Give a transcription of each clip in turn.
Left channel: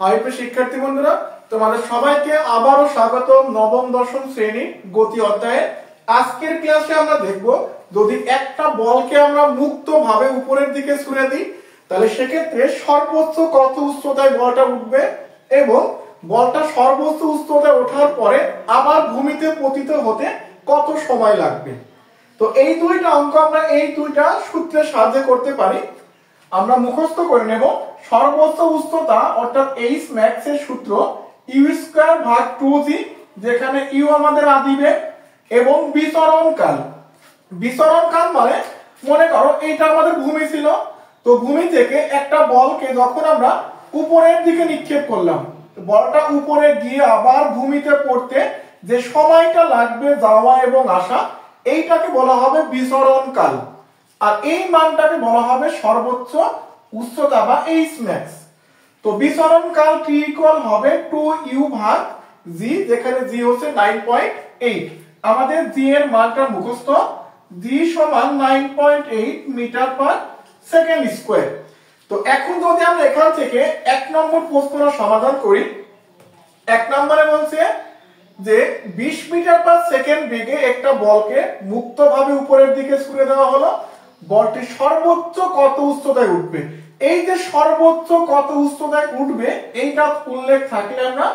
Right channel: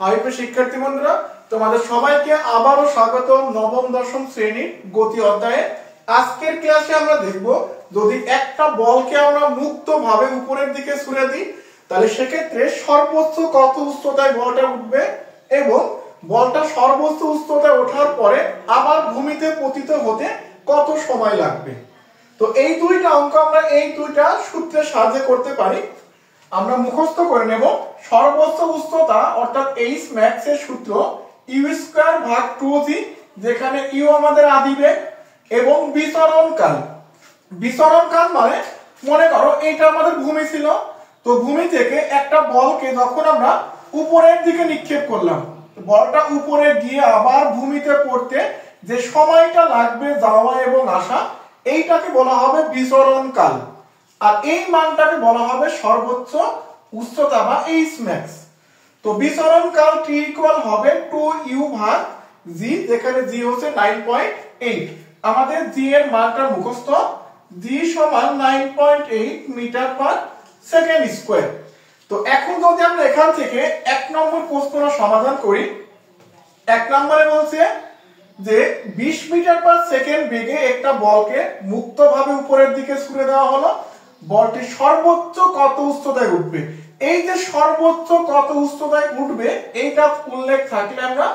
High প্রিয় শিক্ষার্থী বন্ধুরা, তোমাদের সবাইকে আবারও স্বাগত নবম দশম শ্রেণীর গতি অধ্যায়ে। আজকের ক্লাসে আমরা দেখব যদি একটা বলকে আমরা মুক্তভাবে উপরের দিকে ছুড়ে দিই তাহলে সেক্ষেত্রে সর্বোচ্চ কত উচ্চতায় বলটা উঠবে এবং বলটা সর্বোচ্চ উচ্চতায় ওঠার পরে আবার ভূমিতে পতিত হতে কত সময় লাগবে। তো এই দুইটা অঙ্ক আমরা এই দুইটা সূত্রের সাহায্যে করতে পারি। আমরা মুখস্থ করে নেব সর্বোচ্চ উচ্চতা অর্থাৎ এইচ ম্যাক্স এর সূত্র ইউ স্কয়ার ভাগ 2g, যেখানে ইউ আমাদের আদিবেগ এবং বিচরণকাল মানে মনে করো এইটা আমাদের ভূমি ছিল, তো ভূমি থেকে একটা বলকে যখন আমরা উপরের দিকে নিক্ষেপ করলাম, বলটা উপরে গিয়ে আবার ভূমিতে পড়তে যে সময়টা লাগবে যাওয়া এবং আসা, এইটাকে বলা হবে বিচরণকাল। আর এই মানটাকে বলা হবে সর্বোচ্চ উচ্চতা বা এইচ ম্যাক্স। তো বিচরণকাল t ইকুয়াল হবে 2u ভাগ g, যেখানে g হচ্ছে 9.8। আমাদের g এর মানটা মুখস্থ, g সমান 9.8 মিটার পার সেকেন্ড স্কয়ার। তো এখন যদি আমরা এখান থেকে এক নম্বর প্রশ্নটা সমাধান করি, এক নম্বরে বলছে যে 20 মিটার পার সেকেন্ড বেগে একটা বলকে মুক্তভাবে উপরের দিকে ছুড়ে দেওয়া হলো, বলটি সর্বোচ্চ কত উচ্চতায় উঠবে। এই যে সর্বোচ্চ কত উচ্চতায় উঠবে এইটা উল্লেখ থাকলে আমরা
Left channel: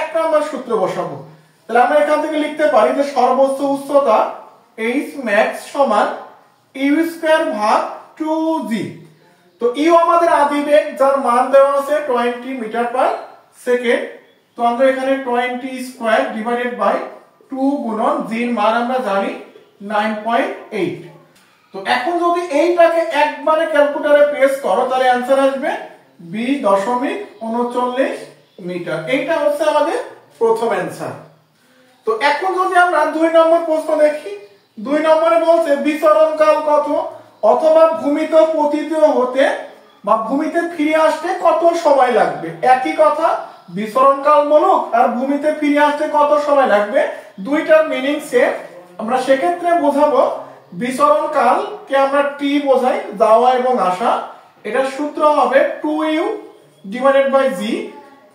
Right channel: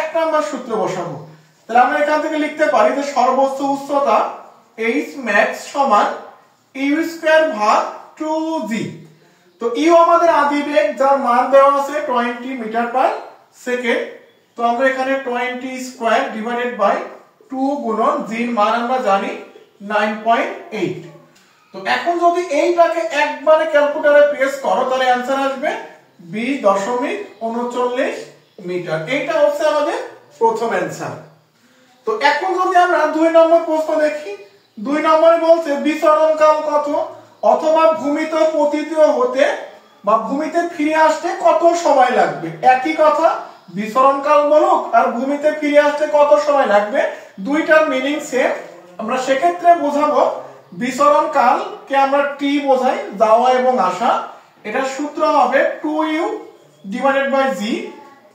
এক নম্বর সূত্র বসাবো। তাহলে আমরা এখান থেকে লিখতে পারি যে সর্বোচ্চ উচ্চতা h max সমান u স্কয়ার ভাগ 2g। তো u আমাদের আদিবেগ যার মান দেওয়া আছে 20 মিটার পার সেকেন্ড, তো আমরা এখানে 20 স্কয়ার ডিভাইডেড বাই 2 গুণন g এর মান আমরা জানি 9.8। তো এখন যদি এইটাকে একবারে ক্যালকুলেটরে প্রেস করো তাহলে आंसर আসবে 20.39 মিটার। এইটা হচ্ছে আমাদের প্রথম आंसर। তো এখন যদি আমরা দুই নম্বর প্রশ্ন দেখি, দুই নম্বরে বলছে বিচরণকাল কত অথবা ভূমিতে পতিত হতে বা ভূমিতে ফিরে আসতে কত সময় লাগবে। একই কথা, বিচরণকাল বলুক আর ভূমিতে ফিরে আসতে কত সময় লাগবে, দুইটার মিনিং সেম। আমরা সেক্ষেত্রে বোঝাবো বিচরণকাল কে আমরা t বোঝাই, যাওয়া এবং আসা। এটার সূত্র হবে 2u ডিভাইডেড বাই g।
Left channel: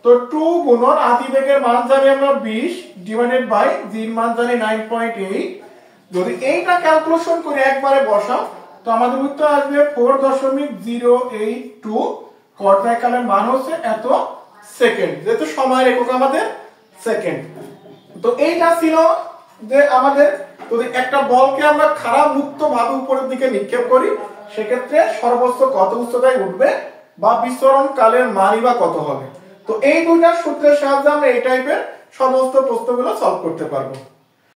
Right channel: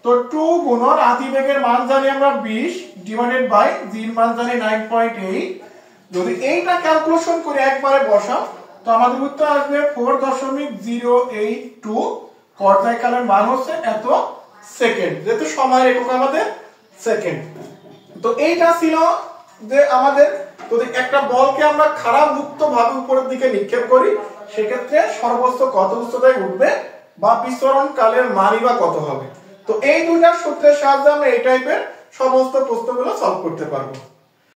তো 2 গুণন আদিবেগের মান জানি আমরা 20 ডিভাইডেড বাই g এর মান জানি 9.8। যদি এইটা ক্যালকুলেশন করে একবারে বসাও তো আমাদের উত্তর আসবে 4.082 পর্যায়কালের মান হচ্ছে এত সেকেন্ড, যেহেতু সময়ের একক আমাদের সেকেন্ড। তো এইটা ছিল যে আমাদের যদি একটা বলকে আমরা খাড়া মুক্ত ভাবে উপরের দিকে নিক্ষেপ করি সেক্ষেত্রে সর্বোচ্চ কত উচ্চতায় উঠবে বা বিচরণ কালের মানই বা কত হবে। তো এই দুইটা সূত্রের সাহায্যে আমরা এই টাইপের সমস্ত প্রশ্নগুলো সলভ করতে পারবো।